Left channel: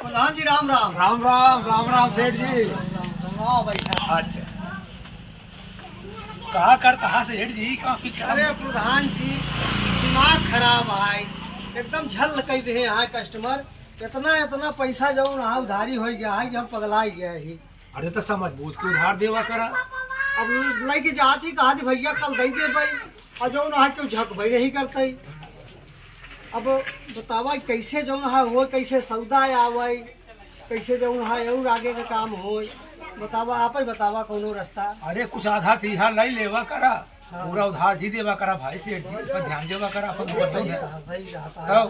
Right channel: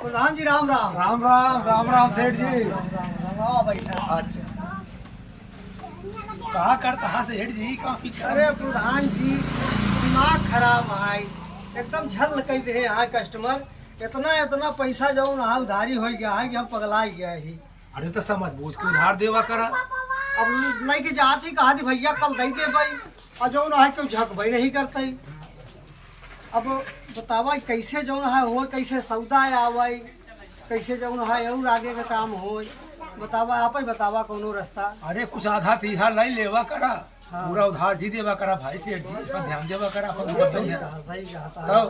प्रधान जी राम राम। राम राम राम राम सेठ जी। हाँ बैठा। अच्छा कहा करता है सेठ जी काफी अरे प्रधान जी दिमाग खराब है, एकदम झल कह दे है कस्टमर। इतना इतना पैसा जो ना उधारी हो गया है कि हम पगला गया ही। अरे तो समझ बूझ के उधार देवा करा। अब नहीं कि जाती कहा थी भैया कल दे दे भाई, और जो ना है तो झक भाई नहीं करते। अब बतावा कैसे जो है हो, कैसे सौदा आवे, कैसे जो है और आगे का काम हो, बतावा आप ही बतावा कोनो रास्ता। अरे कुछ आधा तीधा लाई लेवा करा। हाँ। पूरा उधार जी देवा करा भाई सेठ जी पर ध्यान देवा करा अपन लोग सही दे। कहा, सही कहा।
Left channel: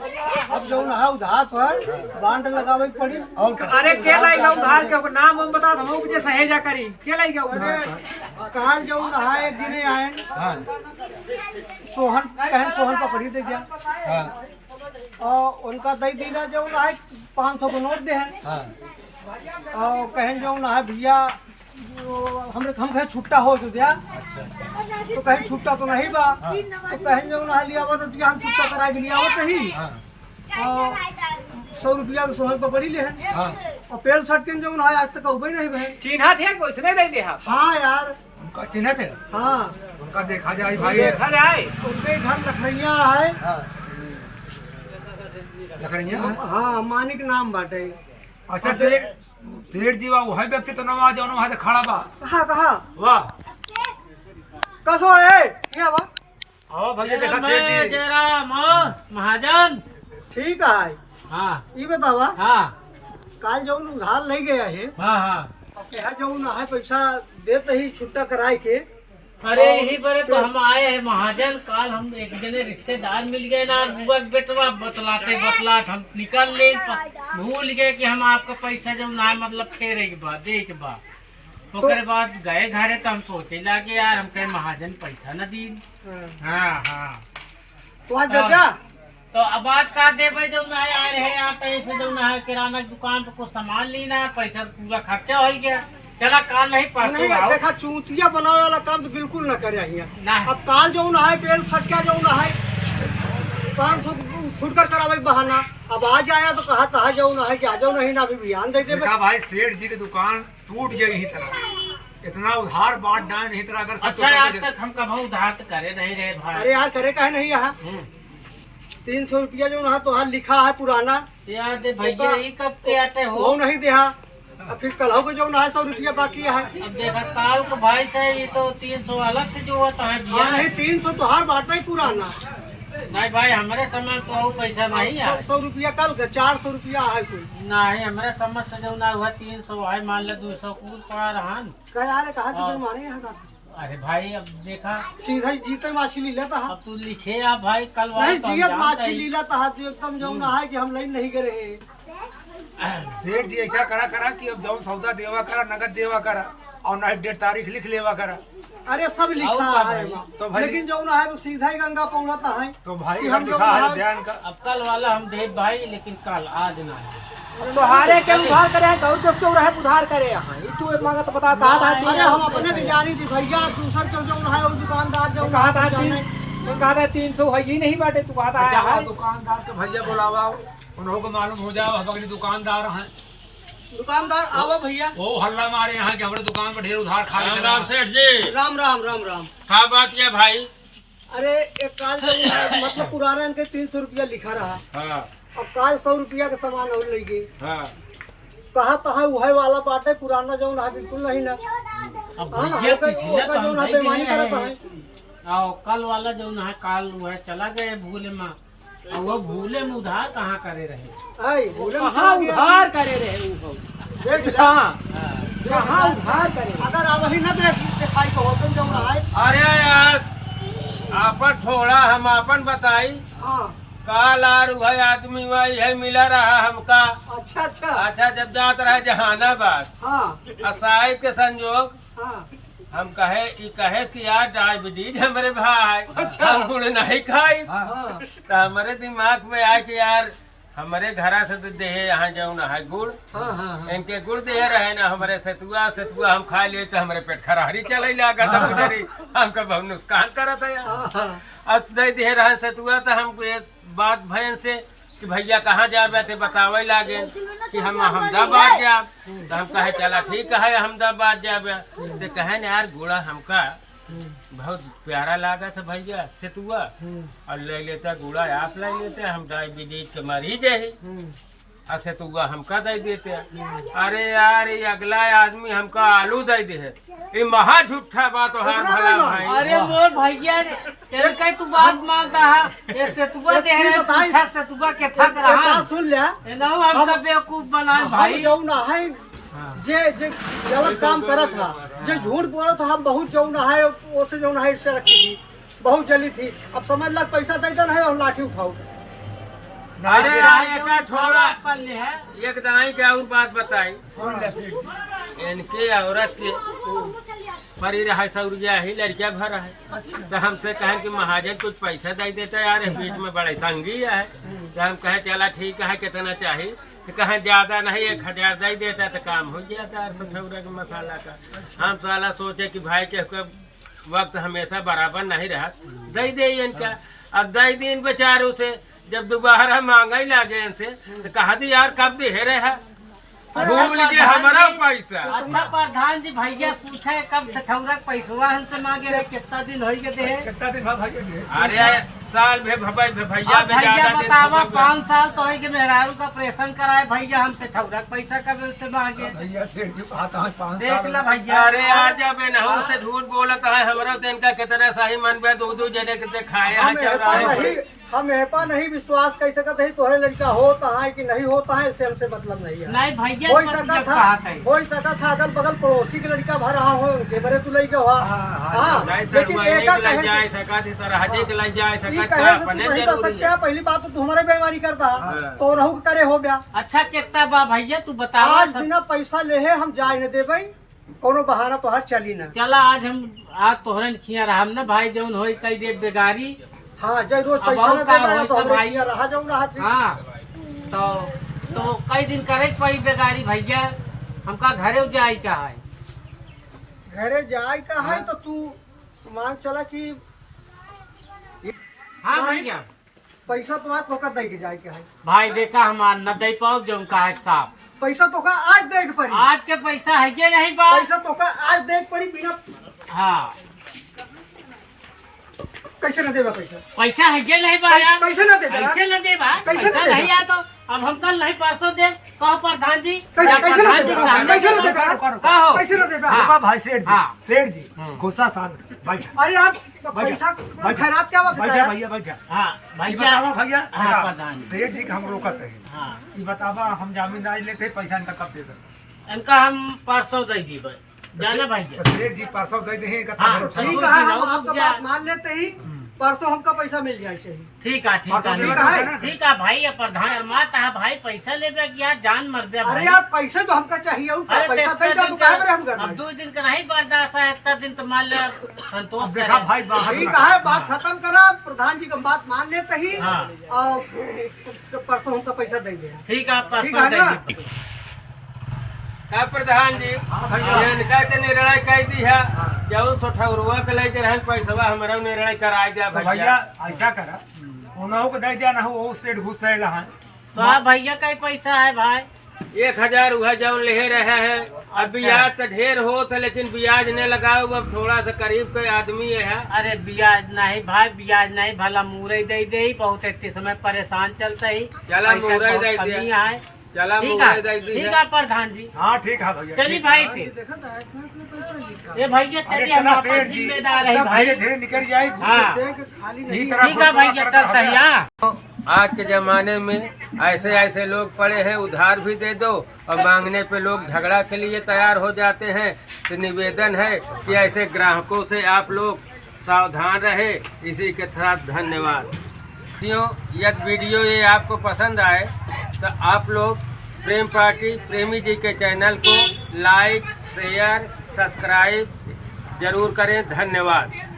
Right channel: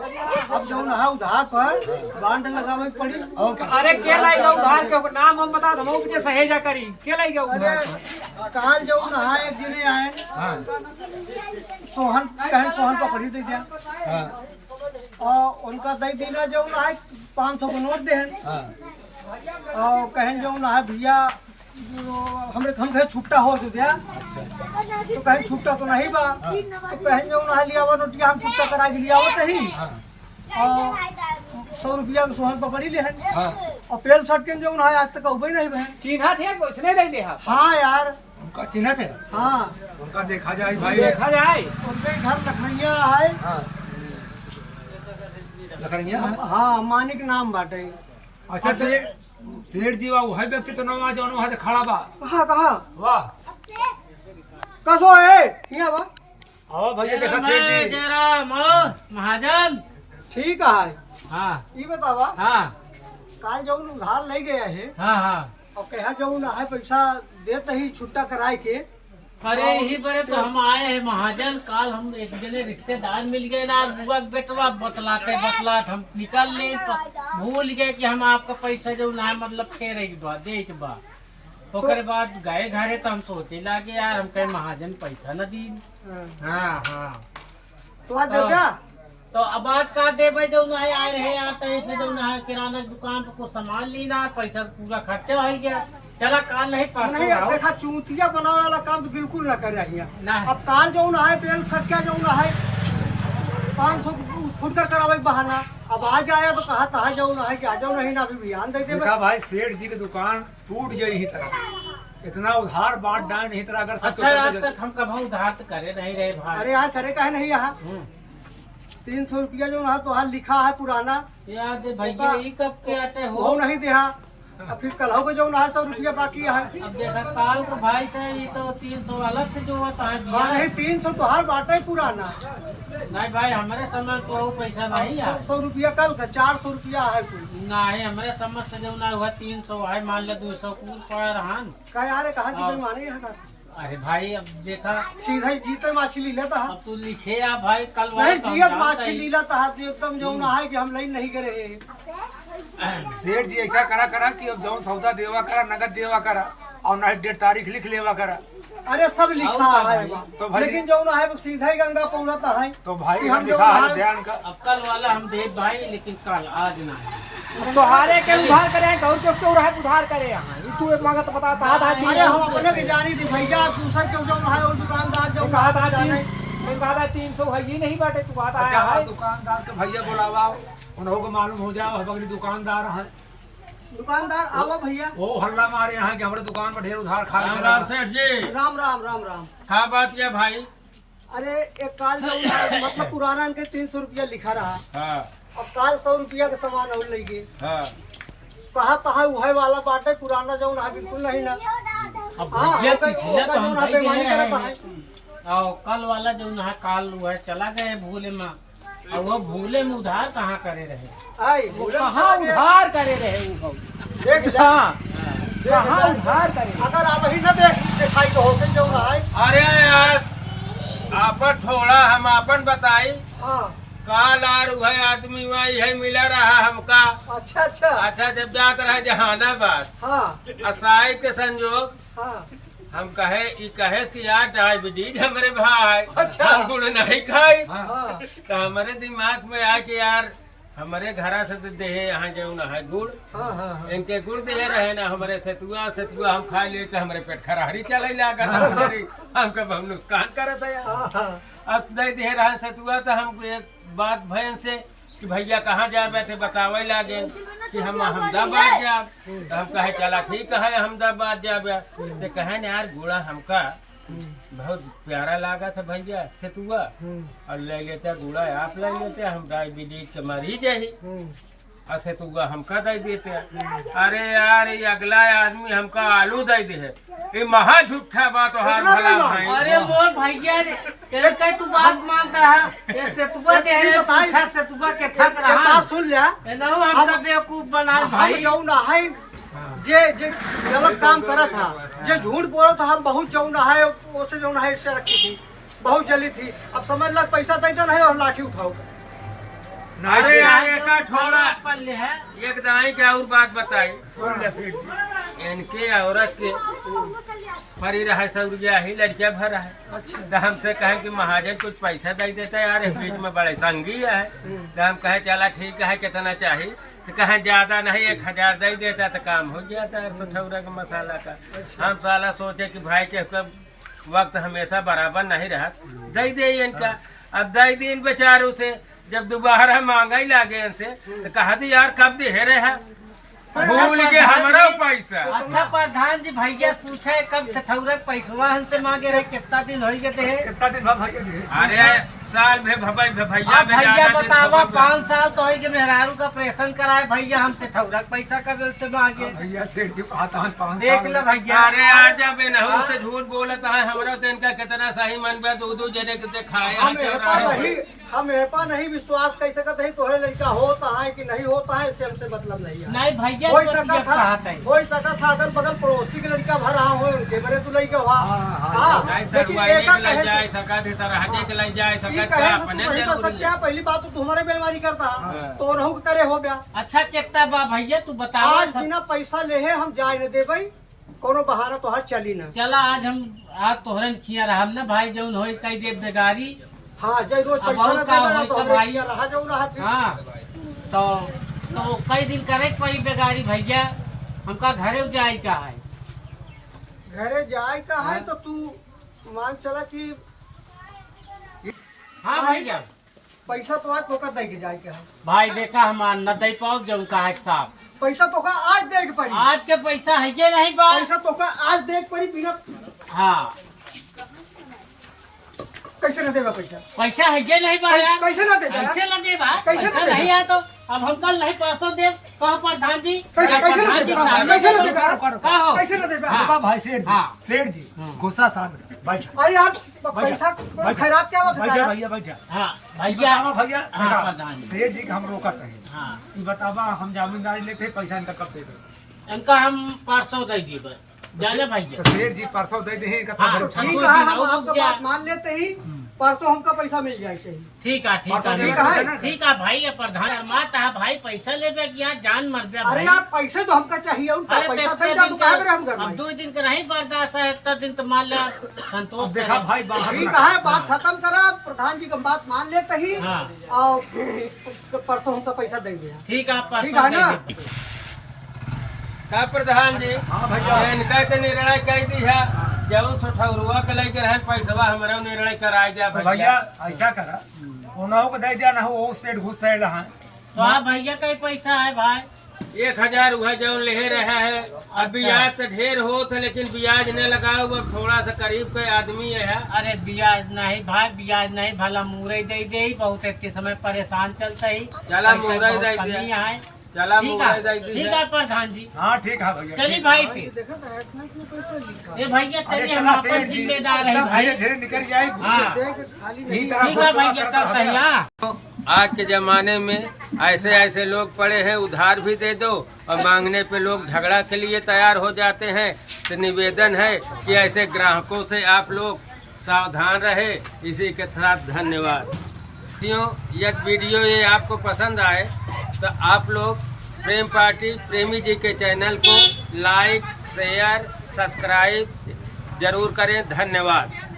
अब जो है उधार पर बांड लगावे पड़ी। और क्या? अरे के लाइगा उधार के नाम हम बता दमो मुझे सहेजा करी के लाइगा उधार पर? कहा जो है एक दिन आए हाँ सोहन, कहन सोहन पकड़ी दे गया हाँ और उनका दे दीना जो है 500 को नोट दे हैं हाँ और कहन जो है भैया हम कहे छुट्टा हो जो दिया, अच्छा अच्छा तो कहीं छुट्टा तो नहीं बा, तो कहीं जो है लिया नोटिया हम छुट्टा करा के लिया ही हाँ और 100 रुपया के सोहन पकड़ी ले हैं हाँ और पेल शर्ट के जो है आज तक उबे नहीं बहन। चिन्हा थे उसने नहीं दिया। हाँ यार, उनका चिन्ह थे। हाँ उनका देखा जाए भाई। देखा जाए उनके घर लखनैया है। हाँ लकड़ियाँ। हाँ मानिक नाम बाटे। अच्छा सेठ सेठ जी वाह वही व्यक्ति तो नवा जाओ वहाँ से खड़ा बा। कहाँ कहाँ वाह कसो है यहाँ बा। आओ भैया देखा सेठ जी। जयराम महाजन। ठीक है, हाँ ये बतावा हाँ काल जो उधार ले गया है हाँ हाँ। और कहा जो ना है पैसा देते ही छुट्टा कराए के। अरे यही बरे तो हम आए हैं महाजन। काल हम एक जने रिश्तेदार मिल गए ना, बुआ के बेटवा बतलाते बतलात हम निकल ले भूल गए कि हम आपका पैसा जो ना मतलब फेरे के बाद दे के बाद ओकरे बाद गए घरे तो हम सोचे लागे यार हम कहे महाजन पैसा न दी। हाँ हाँ तो आज दे क्या? तो अब आज का देवे जो ना आए रहे यहाँ पे ऐसे जो ना किराना की दुकान पे कुछ सामान लेना, पैसा पूरा खर्चा हो गया। चला काल नहीं परसों नहीं आओ। देखा चूतिया बनावे वाला काम तो बिल्कुल न करे यहाँ। नहीं। अब काल जो ना है पेल सटका जो ना है 500 फुटकर करावे बहाना। अब आज आया तो कहा था जो ना है कि आ जाओ, नहीं ना अभी बयान दे दे। देखा भाई सेठ जी की दुकान टूट गई ही तरह। इतना उधार बांट डाल नहीं तरह अगर सब अच्छा आज तक हम कभी उधार तो करे नहीं रहे भाई। अरे यार करे कहे नहीं यहाँ 300 रुपया जो ना तो हाँ लिखा है पुराना याद है भैया ये कब के आते हो? वो नहीं दिया। अब फिर कल हो जो ना है 100 रुपया बाकी है। अब देखा काल को भाई साहब ये तो 300 अलग से जो होता है दिया हाँ नहीं 300 तो हर बाटा ही पुराना। नहीं भाई हमारे समय तो वो पैसा नहीं है। 100 रुपया कल का 400 रुपया है कोई। नहीं हमारे समझ से जो ना हुआ 300 है, मान ले 200 कूद पड़ा रहा। कह यार कहा कि माने यहाँ का अरे भाई अब देखा सीधा ही जीते मछली लेता है। अब तू लिखे आप भाई कल वाले नहीं तो हम जियत जानते मछली ही। लेता है तो एकदम जो ना है कि हम लाइन नहीं करे। सेठ जी ऐसा करा करा कि अब जाऊँ सौदा देवा करा, नगद देवा करा और ना डेट तारीख लिख लेवा करा। अरे सब लिखा आओ का है भाई। तो भाई- लेकिन जो ना है वो सीधा ही गंगा पहुंचता है। तो भाई कि हम हम लिखा है लोग ध्यान का। अब कल वाला हम दे भाई लेकिन कल आज नहीं। तुम्हारे के उधार करे गौर चौक चौराहे उधार करे यहाँ तू एक मांगा तो बता कहा था अरे हम अपने की जानी थी भैया, दूसर क्यों जो है वो दुकानदार जो कहा था जाने। 300 है ये नहीं बाटे तू कहा था अच्छा वहाँ दुकानदार के भैया बुलावा, उन्हों को मालूम हो जाए बगली दुकानदार है दुकानदार आओ भैया। वो हल्ला मारे यहाँ कि हमारे दुकान पर ढेर उधार खा राम राम सेठ जी। राम राम राम राम। क्या बात है भाई? अरे एक काल जो ना मतलब पुराना इनके 300 रुपया लिखा रहा। हाँ अब काल 100 रुपया का सामान हो लेंगे। हाँ कहा तो है वही वाला बाटे पुराना जो ना बिल्कुल नहीं ना। अब हाँ भैया तो पिछले तो हम ना भाई बेईमानी गए करता हैं। है। और कल वाला जो ना काल हुआ है चला गए भूले में, और वो भूले में उधार कहाँ करे रहे। आई भूले में कहाँ चला गया। उधार करे रहे वो देख जा कहाँ उधार करे। अगर आप वही न दिखाई तो होते जो ना है। अरे यार आपन थोड़ा हम अपन बताई। हाँ काल आर है आदमी वही है मिला रहा हमका। अच्छा अच्छा। अच्छा जब जात रहे जहानाबाद हाँ असाई के संजोग हाँ हम कहे कि यार डायबिटीज हमारे भाई। अच्छा। हम गुड़ नहीं खाई हाँ तो हमारे दिमाग में आया कि यार हमारे घर से तो दे यहाँ जाऊ ना है गुड़। हाँ हाँ इनके गुड़ दे रहे ना हमारे सतुआ सतुआ हम खा लिए तो हमारे पेट खराहरी चले लगा हमको बहुत नुकसान करत है यार। हाँ हाँ अब नहीं दे रहे सतुआ तो हम बात भयन से कि भैया कहाँ जाबे थे बतावे लागे कि हम अहमदाबाद जाब। तो हम कहे चला ठीक है अहमदाबाद जाबे। तो कहे न यार घोड़ा हमका बहुत प्यारा लागा था भैया सेतुआ, और ले लेता घोड़ा आप ले लेते, हम डायबिटीज के मरीज है और सेतुआ हमका दे देते। अरे यार ये अगला आदमी हमका आलू दे दे है, ये महा झूठा बात हो हार भला भाई। अरे मोर भैया तेरे कई तू बात मानता है ये सेतुआ दे रहे पूछा सेतुआ के थक रहा बात सुन लिया ना हमका बेवकूफ बना भाई भाई। जो ना है जे जे गलत काम करा था, जे झूठ बोला था, हम बहुत जो ना है उसे जो ना है इससे रखी थी, बहुत जली थी। अब समझ लग पैसा दे दो नहीं और लाठी उठाओ। अरे यार एका थोड़ा पल्ले है एक दनाई क्या और बात बताई। सुन ले सेठ जी, इनके औरत के परी रहा सौरिया ही लड़किया भर है। तो हमसे कहें कि महाजन कुछ पैसा दे देता यार इस बीच में बड़े तंगी है। तो हम कहे चला ठीक है कितना चाहिए। तो कहें ज्यादा नहीं 1000 दे देता तो काम हो जाता है सठौरा का मसाला का। हम साला सोचे कि भाई के वक्त हमेशा बराबर नहीं रहा, दे दे इनका। अब दे दी इन बेचारों से, जब दोबारा मांगा ही लागे इनसे तो कहा थी यार कब दे रहे है, भूल के हमारा पैसा। अच्छा प्रधान जी भैया पूछा है कब सठौरा पैसवा हमसे मांगे रहे कितना दिन हो गए थे? कितना दिन बाद भैया दिए? अरे साल भैया अब भैया बतावा 5 साल तो है कि मेहरारू का ऑपरेशन कराए भैया हमसे ठौरा पैसा कब से मांगे? भैया सेठ जी आता है 5 देख साल। ले भैया। अरे यार जब नहू से झूठ बोलता है हमारा दिन का कितना सही मन में दो जने के खाए हैं चौराहे। हम एपा नहीं विश्वास कर सकते है तोहरे लड़का होता है कि नहीं होता है, इससे हमसे मतलब नहीं है। नहीं भैया हो तो सका जब था, कहा था। हो सका था अगल बगल पड़ोसी के लड़का भर रहा हो उनके बड़े तू लड़का हुआ। हाँ, नहीं सर लेकिन वही एका के लग कहे जाए से- सका थी सर हजे के लग जाए ई सका कहे क्या से तू अपने नहीं बच जरूरी सकता है। है। पहली बात तो हमारे बीमारी करता हाँ। तो रहू करे हो गया। अच्छा कितना बा भैया तू बतावा आज बिना पैसा ले है हम जाए न देबै, कोनो बहाना तो हर चली न। चला आज तोहरन खिया रहा ना भाई जौन होई कई दे बेगारी। हाँ जय रोज अब पैसा और न का देबै होई तो तो हमरे भाई? किया रहा जाऊ ना। हाँ तो कई दिन करे पड़ी बेगारी भैया हमका घरे जाए का है। घरे जाए का है तो तू मांग चला कि हाँ भैया पैसा तो आज फोकत दे के जाए के है। भाई देखा हमार न दे पाओ जौन का है साहब। पैसा तो का आज दे के पड़ी, आज के पैसा है के नहीं बा? पैसा तो का आज दे के पड़ी बिना हाँ कैसे न देबा पैसा? पैसा है के नहीं बा यार? कैसे न देबा? कैसे न दे बा? कैसे न पैसा देबा? नहीं आया तो अब हम कल नहीं परसों दे कहो प्रधान जी। कैसे या कैसे न प्रधान जी देबा? सामने कैसे न कहो। देबा? कहो। कैसे न देबा? हाँ। रुका भाई सेठ जी, हाँ। सेठ जी गुस्सा शांत बैठा अरे यार बैठा, पैसा बैठा। खैरात क्या बात बैठा है? भैया बैठा। हाँ ये बतावा भैया। भैया हाँ देखा, प्रधान जी। सेठ जी के हम रोकत रहे। हाँ ये बतावा हम जमींदारी लेते पैसा इनका कब दे देते? इनका हम परसों दे दी जाने भैया। तो सेठ जी परसों दे दे इनका हाँ, तब ठीक दो है दिन हम और आपका रुक जा। बात मान लेते ही परसों हमका पैसा मिल जाए चाहिए। ठीक है ठीक परसों है देबे ठीक का है ना? ठीक है भाई ये प्रधान शर्माता है भाई पैसा लेबे कि यार जान मर दे अरे भाई। यार पैसे तो हमका चाहिए उनका अरे पैसा इतना दे दो दिन तो काहे पर हम का करना अब है? 2 दिन का नहीं बर्दाश्त है इतना दिन तो मान लो संतोष अब देखा करे। भाई बाहर ठीक ना- है बात खत्म करा, प्रधान जी का बात मान लेते ही हाँ। और परसों हमका पैसा दे देना। ठीक है ठीक परसों है दे ना? दी। का प्रधान जी हाँ भैया। इनका तो निर्णय कह दी है जौन सठौरुआ के लेके रहन पैसा हमारा निर्णय करा दिया तो भैया ऐसा करा उन्हों को दे दिया ना हो वो सेठ घुस रहे हैं। तो हाँ भैया का ही पैसा है भाई। 1000 हुआ जौन ले रहे हैं। अब ब्याज तो ढेर हो था लेकिन ब्याज नहीं लगाओ अब थोड़ा सा करीब के आदमी है। अरे ब्याज नहीं भाई ब्याज नहीं भला मुरई दे दे बहुत इतने समय परेशान चलते ही चला पैसा मुरई बहुत दे कमी दिया। है। चला ठीक मुरई है दे दी ठीक है। है प्रधान जी हाँ ठीक है भैया। चलिए भाई फिर देखा था इतना पैसा लिखा ये भैया अरे चलिए हम चला आपस सेठ जी जिम्मेदार है सब भाई। धीरे धीरे निकल जाएगी। हाँ देख खाली नहीं। यही तरह ठीक है भैया चलते हैं हाँ। तो आज के जमाने में ऐसे ऐसे लोग पड़े हैं उधार भी दे दो और मांगने पे लोग झगड़ा के लिए तैयार हो जाते हैं। तो निवेदन है कि ऐसे ग्राहकों से आप लोग सावधान रहे। इसी के साथ धन्यवाद। यदि वीडियो ये आपको पसंद आए तो आप लोग प्रेम पार्टी प्रेमी जी के चैनल को लाइक शेयर सब्सक्राइब जरूर करें। धन्यवाद।